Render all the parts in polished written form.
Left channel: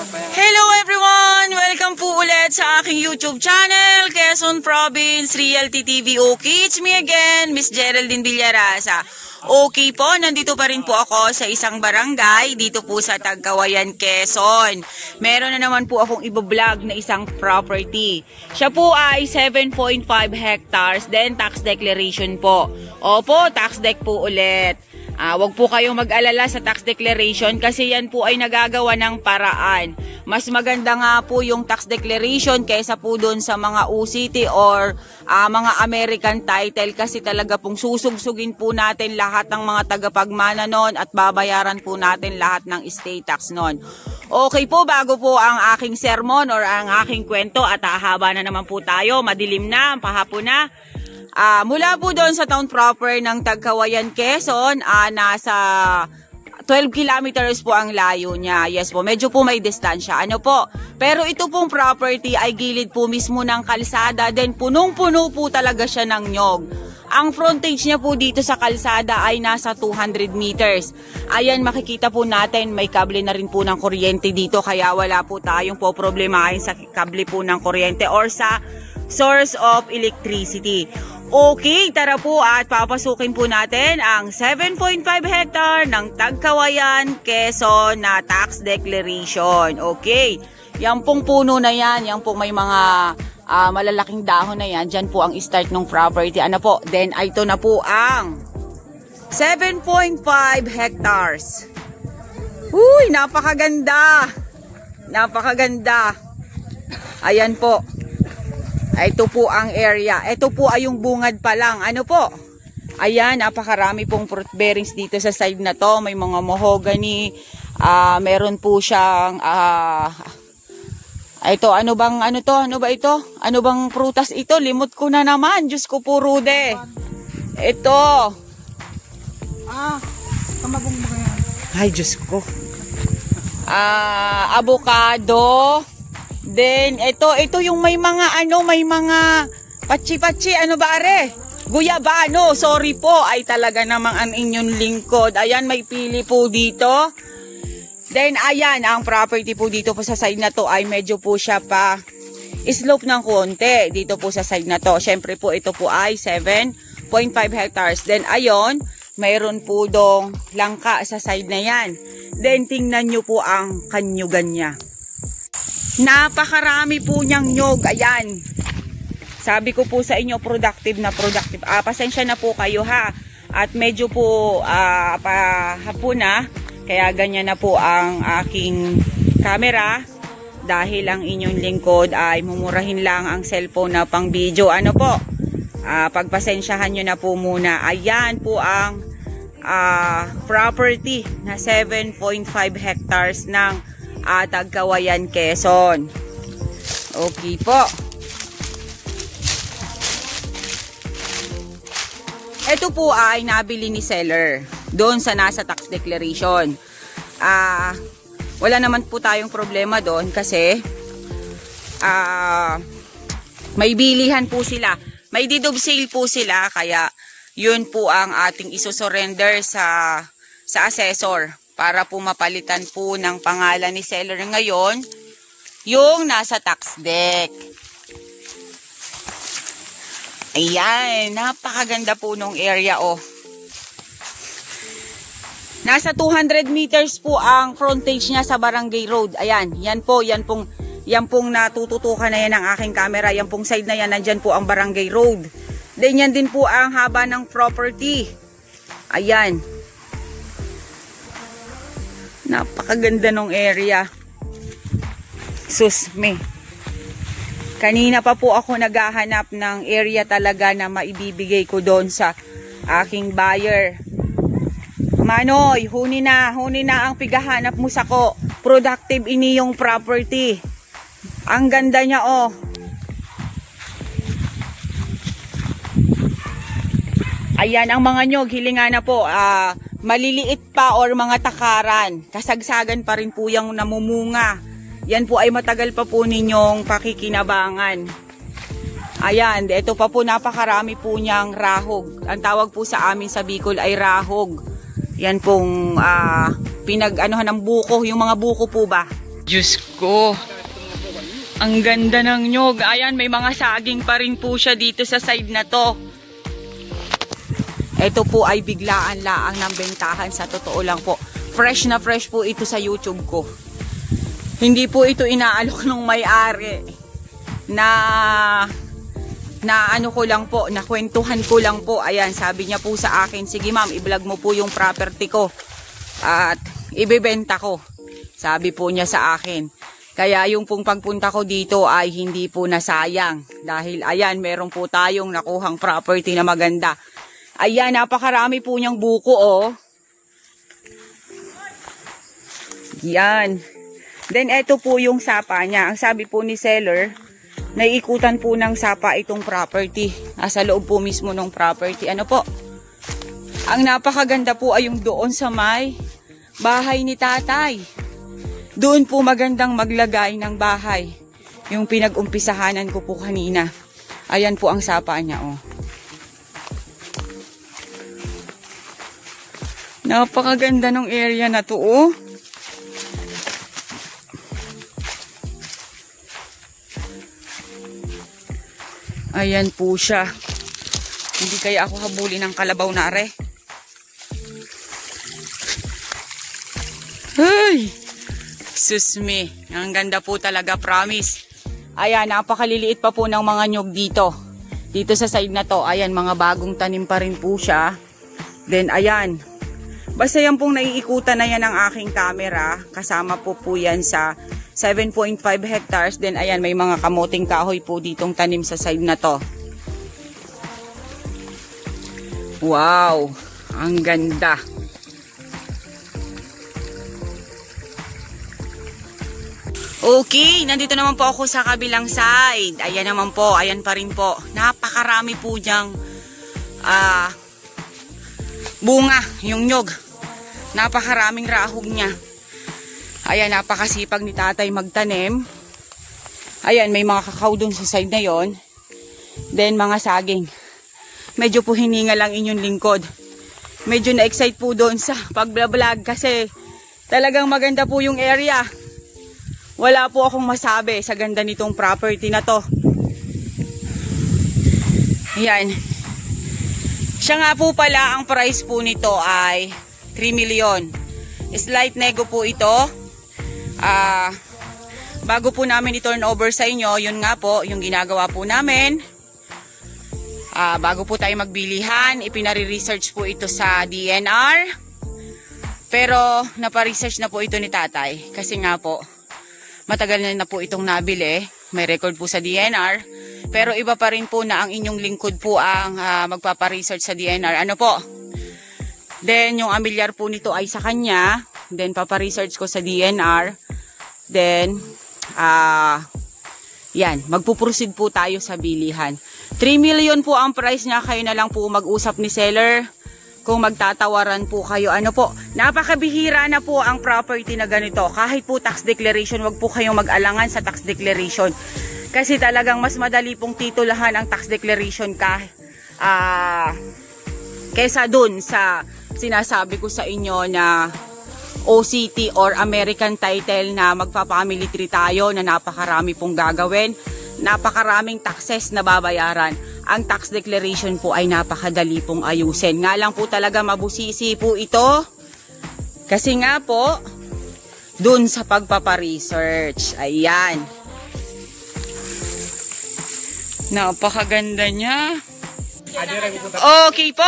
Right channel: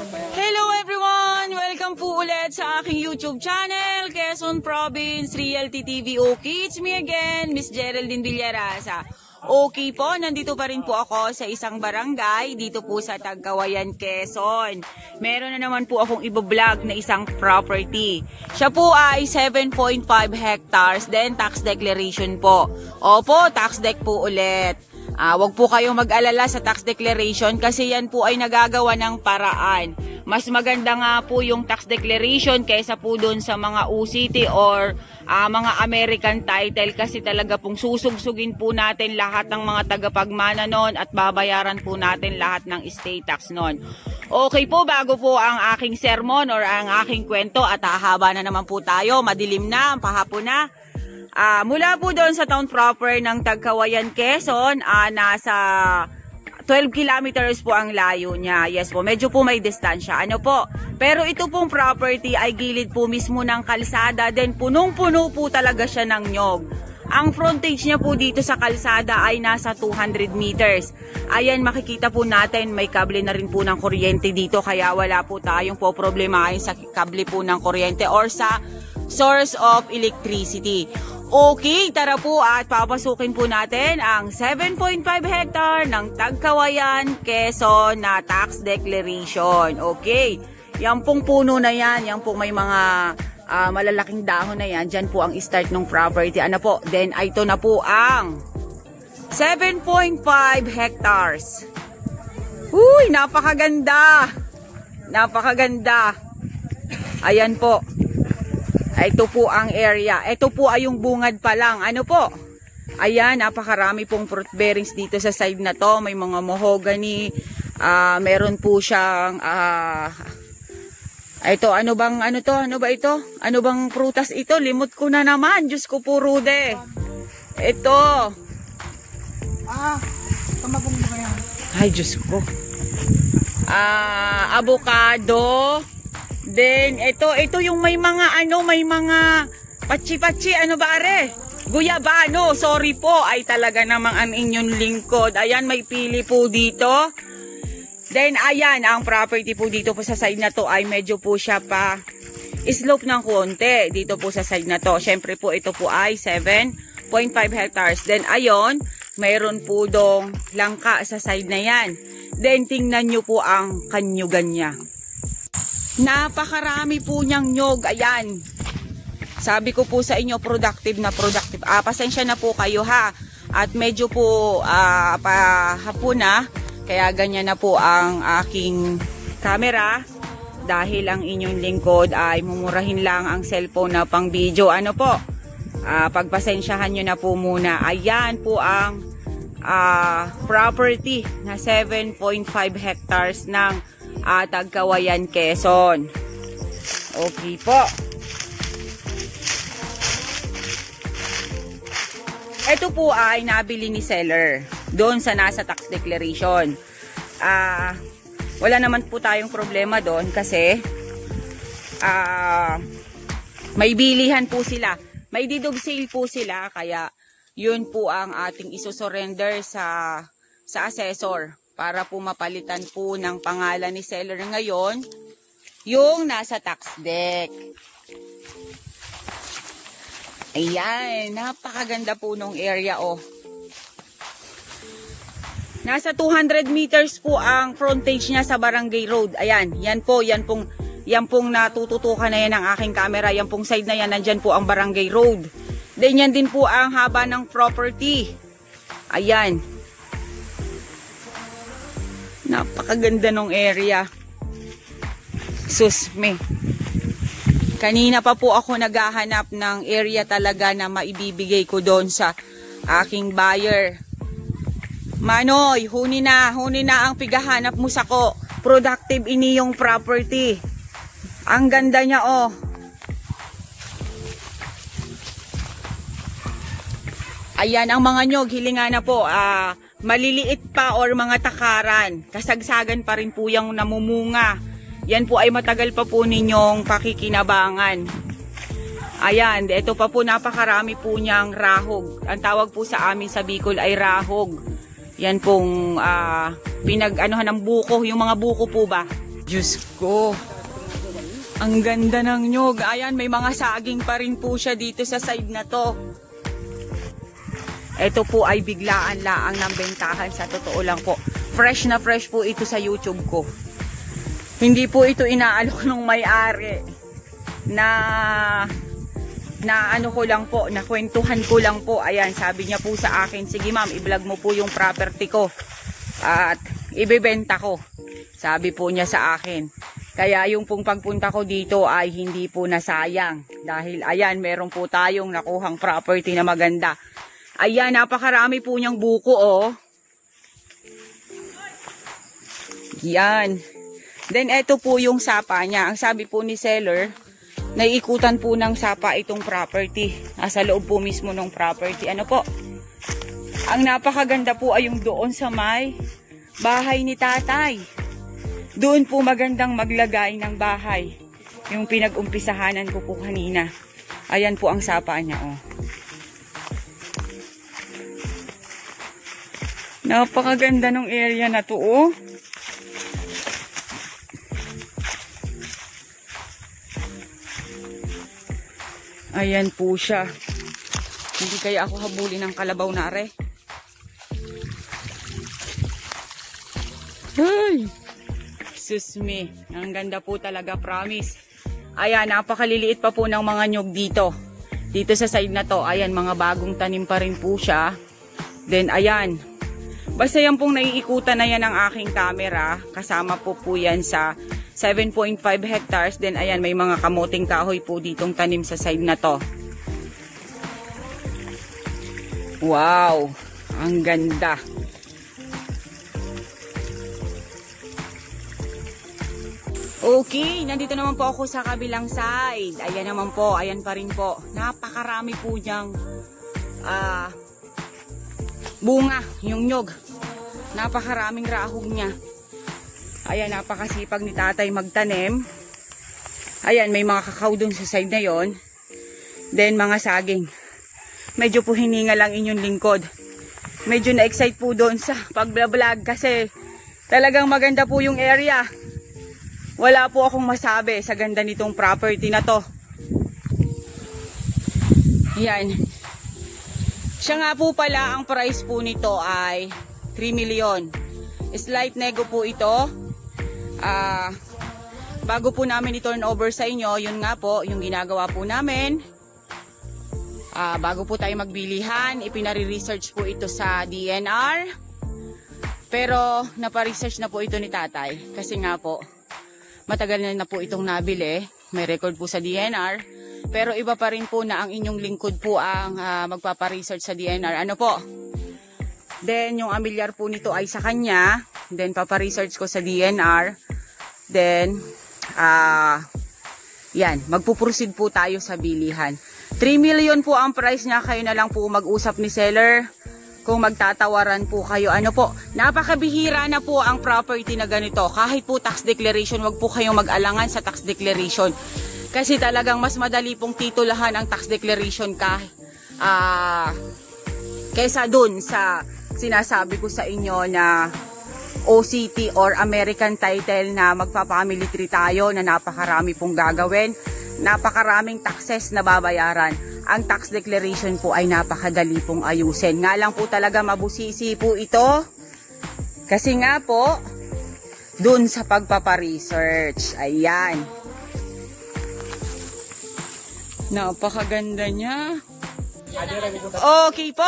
Hello everyone! Welcome po ulit sa aking YouTube channel, Quezon Province Realty TV. Okay, it's me again, Miss Geraldine Villarasa. Okay po, nandito pa rin po ako sa isang barangay dito po sa Tagkawayan, Quezon. Meron na naman po akong ibo-vlog na isang property. Siya po ay 7.5 hectares, then tax declaration po. Opo, tax deck po ulit. Wag po kayong mag-alala sa tax declaration kasi yan po ay nagagawa ng paraan. Mas maganda nga po yung tax declaration kaysa po doon sa mga UCT or mga American title kasi talaga pong susugsugin po natin lahat ng mga tagapagmana nun at babayaran po natin lahat ng estate tax nun. Okay po, bago po ang aking sermon or ang aking kwento at hahaba na naman po tayo, madilim na, pahapon na. Mula po doon sa town proper ng Tagkawayan, Quezon, nasa 12 kilometers po ang layo niya. Yes po, medyo po may distansya. Ano po? Pero ito pong property ay gilid po mismo ng kalsada. Then punong-puno po talaga siya ng nyog. Ang frontage niya po dito sa kalsada ay nasa 200 meters. Ayan, makikita po natin may kable na rin po ng kuryente dito. Kaya wala po tayong po problemahin sa kable po ng kuryente or sa source of electricity. Okay, tara po at papasukin po natin ang 7.5 hectare ng Tagkawayan, Quezon na tax declaration. Okay, yan pong puno na yan, yan pong may mga malalaking dahon na yan, dyan po ang start ng property. Ano po, then ito na po ang 7.5 hectares. Uy, napakaganda! Napakaganda! Ayan po. Ito po ang area. Ito po ay yung bungad pa lang. Ano po? Ayan, napakarami pong fruit bearings dito sa side na to. May mga mahogany. Meron po siyang ito, ano bang ano to? Ano ba ito? Ano bang prutas ito? Limot ko na naman. Diyos ko po, Rude. Ito. Kamagong mo kaya? Ay, Diyos ko. Avocado. Then, ito yung may mga may mga patsi-patsi, ano ba are? Guyabano, sorry po, ay talaga namang ang inyong lingkod. Ayan, may pili po dito. Then, ayan, ang property po dito po sa side na to ay medyo po siya pa slope ng konti. Dito po sa side na to. Siyempre po, ito po ay 7.5 hectares. Then, ayon, mayroon po dong langka sa side na yan. Then, tingnan nyo po ang kanyugan niya. Napakarami po niyang nyog. Ayan. Sabi ko po sa inyo, productive na productive. Pasensya na po kayo ha. At medyo po pahapon na. Kaya ganyan na po ang aking camera. Dahil ang inyong lingkod ay mumurahin lang ang cellphone na pang video. Ano po? Pagpasensyahan nyo na po muna. Ayan po ang property na 7.5 hectares ng Tagkawayan, Quezon. Okay po. Ito po ay nabili ni seller doon sa nasa tax declaration. Wala naman po tayong problema doon kasi may bilihan po sila. May deed of sale po sila kaya yun po ang ating isosurrender sa assessor. Para po mapalitan po ng pangalan ni seller ngayon, yung nasa tax deck. Ayan, napakaganda po nung area oh. Nasa 200 meters po ang frontage niya sa Barangay Road. Ayan, yan pong natututukan na yan ng aking camera. Yan pong side na yan, nandyan po ang Barangay Road. Then yan din po ang haba ng property. Ayan. Napakaganda ng area. Sus me. Kanina pa po ako naghahanap ng area talaga na maibibigay ko doon sa aking buyer. Manoy, huni na ang pigahanap mo sa ko. Productive ini yung property. Ang ganda niya oh. Ayan ang mga nyog, hilinga na po. Maliliit pa or mga takaran, kasagsagan pa rin po yung namumunga. Yan po ay matagal pa po ninyong pakikinabangan. Ayan, ito pa po napakarami po niyang rahog. Ang tawag po sa amin sa Bicol ay rahog. Yan pong pinag-anuhan ng buko, yung mga buko po ba? Diyos ko. Ang ganda ng nyog. Ayan, may mga saging pa rin po siya dito sa side na to. Ito po ay biglaan laang ng bentahan, sa totoo lang po. Fresh na fresh po ito sa YouTube ko. Hindi po ito inaalok ng may-ari. Na ano ko lang po, na kwentuhan ko lang po. Ayan, sabi niya po sa akin, sige ma'am, i-vlog mo po yung property ko. At ibebenta ko. Sabi po niya sa akin. Kaya yung pong pagpunta ko dito ay hindi po nasayang. Dahil ayan, meron po tayong nakuhang property na maganda. Ayan, napakarami po niyang buko, oh. Yan. Then, eto po yung sapa niya. Ang sabi po ni seller, naiikutan po ng sapa itong property. Sa loob po mismo ng property. Ano po? Ang napakaganda po ay yung doon sa may bahay ni tatay. Doon po magandang maglagay ng bahay. Yung pinag-umpisahanan ko po kanina. Ayan po ang sapa niya, oh. Napakaganda ng area na to, oh. Ayan po siya. Hindi kaya ako habulin ng kalabaw na are. Ay! Susme. Ang ganda po talaga, promise. Ayan, napakaliliit pa po ng mga nyug dito. Dito sa side na to, ayan, mga bagong tanim pa rin po siya. Then, ayan. Basta yan pong naiikutan na yan ng aking camera. Kasama po po yan sa 7.5 hectares. Then ayan, may mga kamuting kahoy po ditong tanim sa side na to. Wow! Ang ganda! Okay, nandito naman po ako sa kabilang side. Ayan naman po, ayan pa rin po. Napakarami po diyang bunga, yung nyog. Napakaraming rahog niya. Ayan, napakasipag ni tatay magtanim. Ayan, may mga kakao dun sa side na yon. Then, mga saging. Medyo po hininga lang inyong lingkod. Medyo na-excite po doon sa pag-vlog kasi talagang maganda po yung area. Wala po akong masabi sa ganda nitong property na to. Ayan. Siya nga po pala, ang price po nito ay 3 million. Slight nego po ito. Bago po namin i-turn over sa inyo, yun nga po, yung ginagawa po namin. Bago po tayo magbilihan, ipinari-research po ito sa DNR. Pero napa-research na po ito ni tatay. Kasi nga po, matagal na po itong nabili. May record po sa DNR. Pero iba pa rin po na ang inyong lingkod po ang magpapa-research sa DNR. Ano po? Then, yung amilyar po nito ay sa kanya. Then, papa-research ko sa DNR. Then, yan. Magpuproceed po tayo sa bilihan. 3 million po ang price niya. Kayo na lang po mag-usap ni seller. Kung magtatawaran po kayo. Ano po? Napakabihira na po ang property na ganito. Kahit po tax declaration, wag po kayong mag-alangan sa tax declaration. Kasi talagang mas madali pong titulahan ang tax declaration kesa dun sa sinasabi ko sa inyo na OCT or American title na magpa-family tree tayo na napakarami pong gagawin, napakaraming taxes na babayaran. Ang tax declaration po ay napakadali pong ayusin. Nga lang po talaga mabusisi po ito kasi nga po dun sa pagpapa-research. Ayan. Napakaganda niya. Okay po,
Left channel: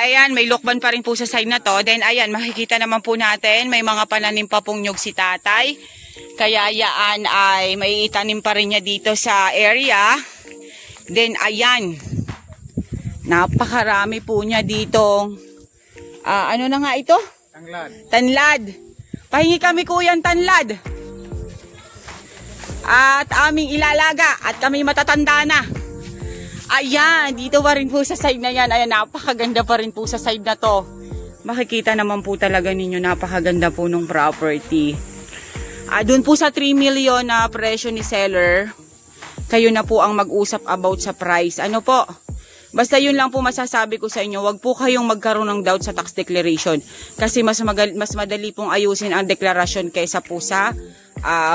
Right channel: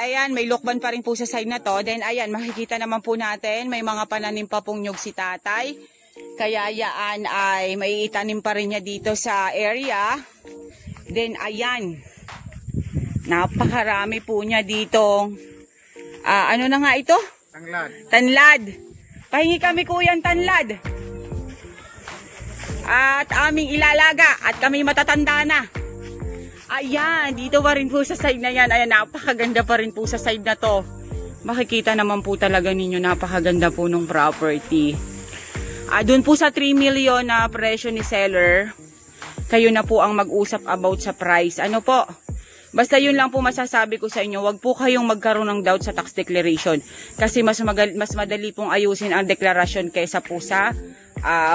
ayan, may lukban pa rin po sa side na to. Then ayan, makikita naman po natin, may mga pananim pa pong nyug si tatay. Kaya yaan ay may itanim pa rin niya dito sa area. Then ayan, napakarami po niya dito. Ano na nga ito? Tanlad. Tanlad. Pahingi kami kuyang tanlad. At aming ilalaga at kami matatanda na. Ayan, dito pa rin po sa side na yan. Ayan, napakaganda pa rin po sa side na to. Makikita naman po talaga ninyo, napakaganda po ng property. Doon po sa 3 million na presyo ni seller, kayo na po ang mag-usap about sa price. Ano po? Basta yun lang po masasabi ko sa inyo, wag po kayong magkaroon ng doubt sa tax declaration. Kasi mas madali pong ayusin ang deklarasyon kaysa po sa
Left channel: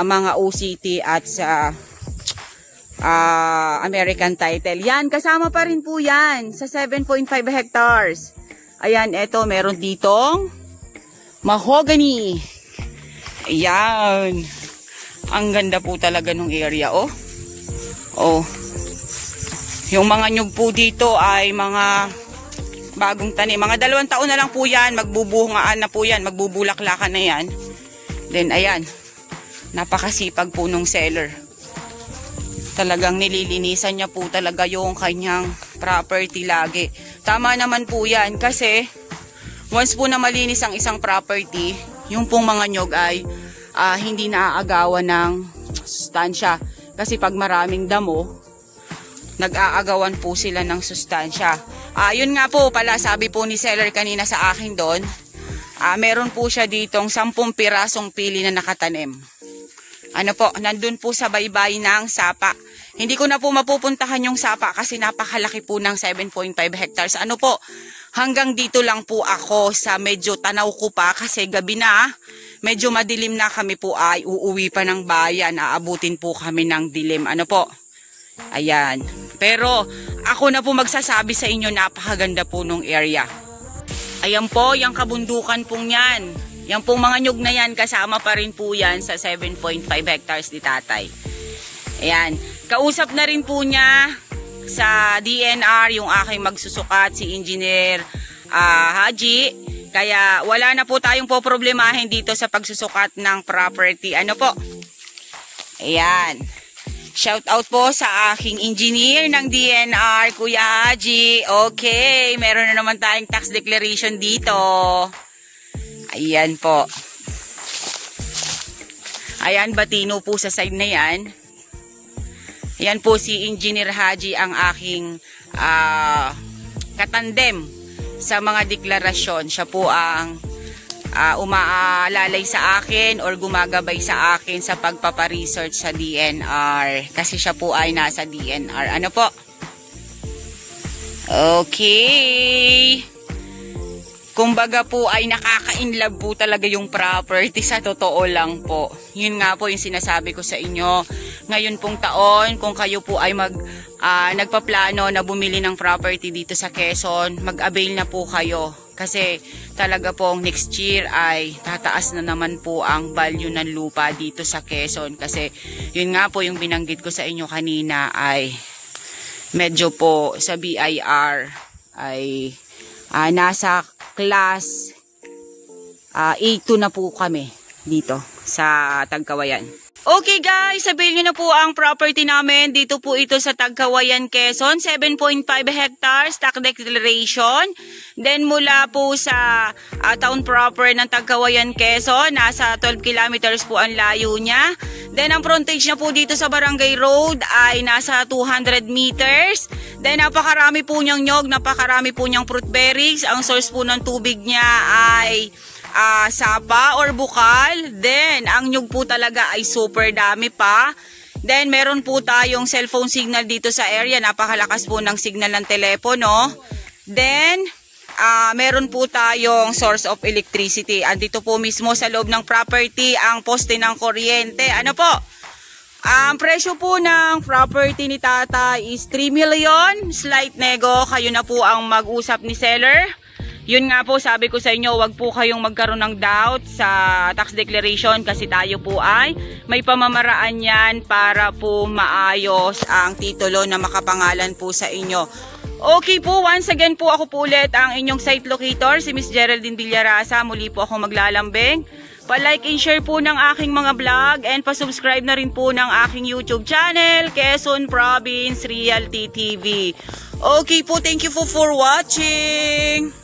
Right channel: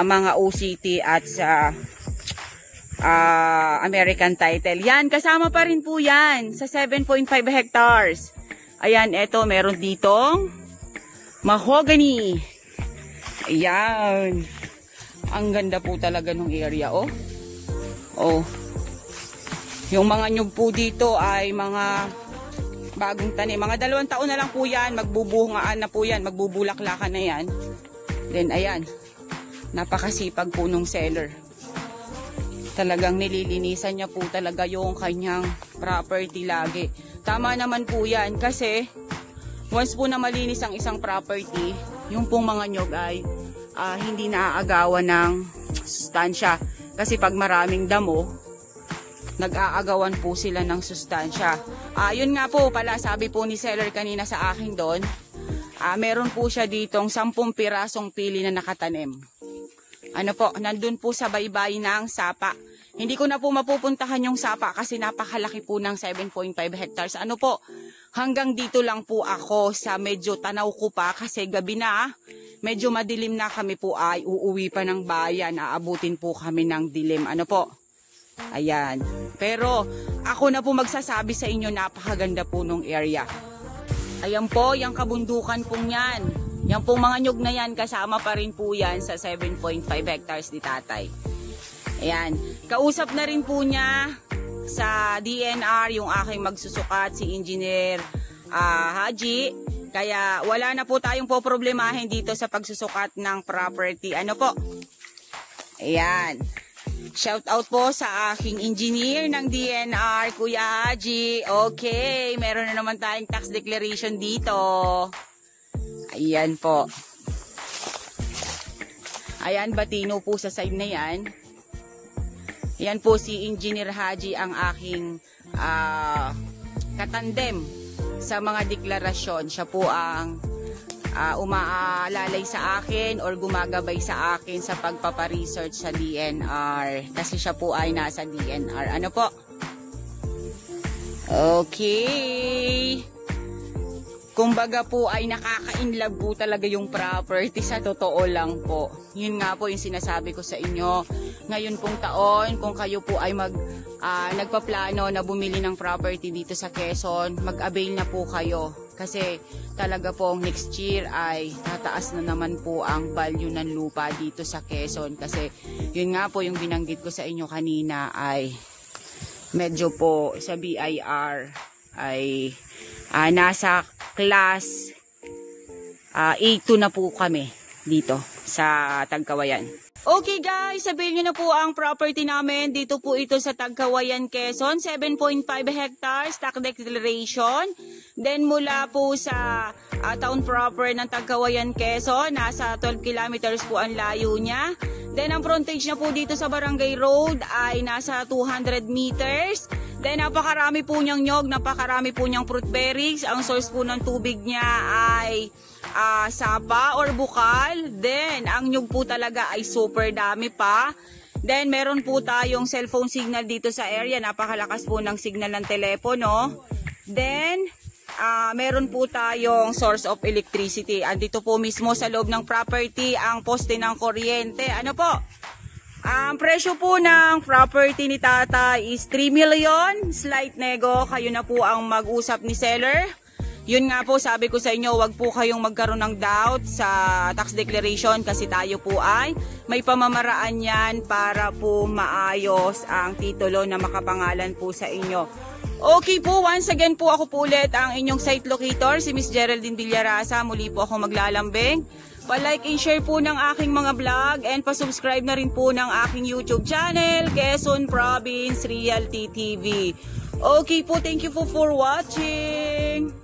mga OCT at sa American title. Yan, kasama pa rin po yan sa 7.5 hectares. Ayan, eto, meron ditong mahogany. Ayan. Ang ganda po talaga ng area, oh. Oh. Yung mga nyug po dito ay mga bagong tanim. Mga 2 taon na lang po yan. Magbubungaan na po yan. Magbubulaklakan na yan. Then, ayan. Napakasipag po nung seller. Talagang nililinisan niya po talaga yung kanyang property lagi. Tama naman po yan. Kasi, once po na malinis ang isang property, yung pong mga nyug ay hindi naaagawan ng sustansya. Kasi pag maraming damo, nag-aagawan po sila ng sustansya. Yun nga po pala, sabi po ni seller kanina sa akin doon, meron po siya ditong 10 pirasong pili na nakatanim. Ano po, nandun po sa baybay ng sapa. Hindi ko na po mapupuntahan yung sapa kasi napakalaki po ng 7.5 hectares. Ano po, hanggang dito lang po ako sa medyo tanaw ko pa kasi gabi na, medyo madilim na kami po ay uuwi pa ng bayan. Aabutin po kami ng dilim. Ano po? Ayan. Pero ako na po magsasabi sa inyo, napakaganda po nung area. Ayan po, yung kabundukan pong yan. Yan pong mga nyug na yan, kasama pa rin po yan sa 7.5 hectares ni tatay. Ayan. Kausap na rin po niya sa DNR yung aking magsusukat, si Engineer Haji. Kaya wala na po tayong poproblemahin dito sa pagsusukat ng property. Ano po? Ayan. Shout out po sa aking engineer ng DNR, Kuya Haji. Okay, meron na naman tayong tax declaration dito. Ayan po. Ayan, batino po sa side na yan. Ayan po si Engineer Haji ang aking katandem sa mga deklarasyon. Siya po ang umaalalay sa akin or gumagabay sa akin sa pagpaparesearch sa DNR. Kasi siya po ay nasa DNR. Ano po? Okay. Kumbaga po ay nakaka-inlove po talaga yung property, sa totoo lang po. Yun nga po yung sinasabi ko sa inyo. Ngayon pong taon, kung kayo po ay nagpaplano na bumili ng property dito sa Quezon, mag-avail na po kayo. Kasi talaga pong next year ay tataas na naman po ang value ng lupa dito sa Quezon. Kasi yun nga po yung binanggit ko sa inyo kanina ay medyo po sa BIR ay nasa class A2 na po kami dito sa Tagkawayan. Okay guys, sabihin nyo na po ang property namin. Dito po ito sa Tagkawayan, Quezon. 7.5 hectares, tax declaration. Then mula po sa town proper ng Tagkawayan, Quezon, nasa 12 kilometers po ang layo niya. Then ang frontage niya po dito sa Barangay Road ay nasa 200 meters. Then napakarami po niyang nyog, napakarami po niyang fruit berries. Ang source po ng tubig niya ay sapa or bukal. Then ang nyug po talaga ay super dami pa. Then meron po tayong cellphone signal dito sa area. Napakalakas po ng signal ng telepono. Then meron po tayong source of electricity. Andito po mismo sa loob ng property ang poste ng kuryente. Ano po? Ang presyo po ng property ni Tata is 3 million. Slight nego. Kayo na po ang mag-usap ni seller. Yun nga po, sabi ko sa inyo, wag po kayong magkaroon ng doubt sa tax declaration kasi tayo po ay may pamamaraan yan para po maayos ang titulo na makapangalan po sa inyo. Okay po, once again po ako po ulit ang inyong site locator, si Miss Geraldine Villarasa. Muli po ako maglalambing. Pa-like and share po ng aking mga vlog and pa-subscribe na rin po ng aking YouTube channel, Quezon Province Realty TV. Okay po, thank you for watching.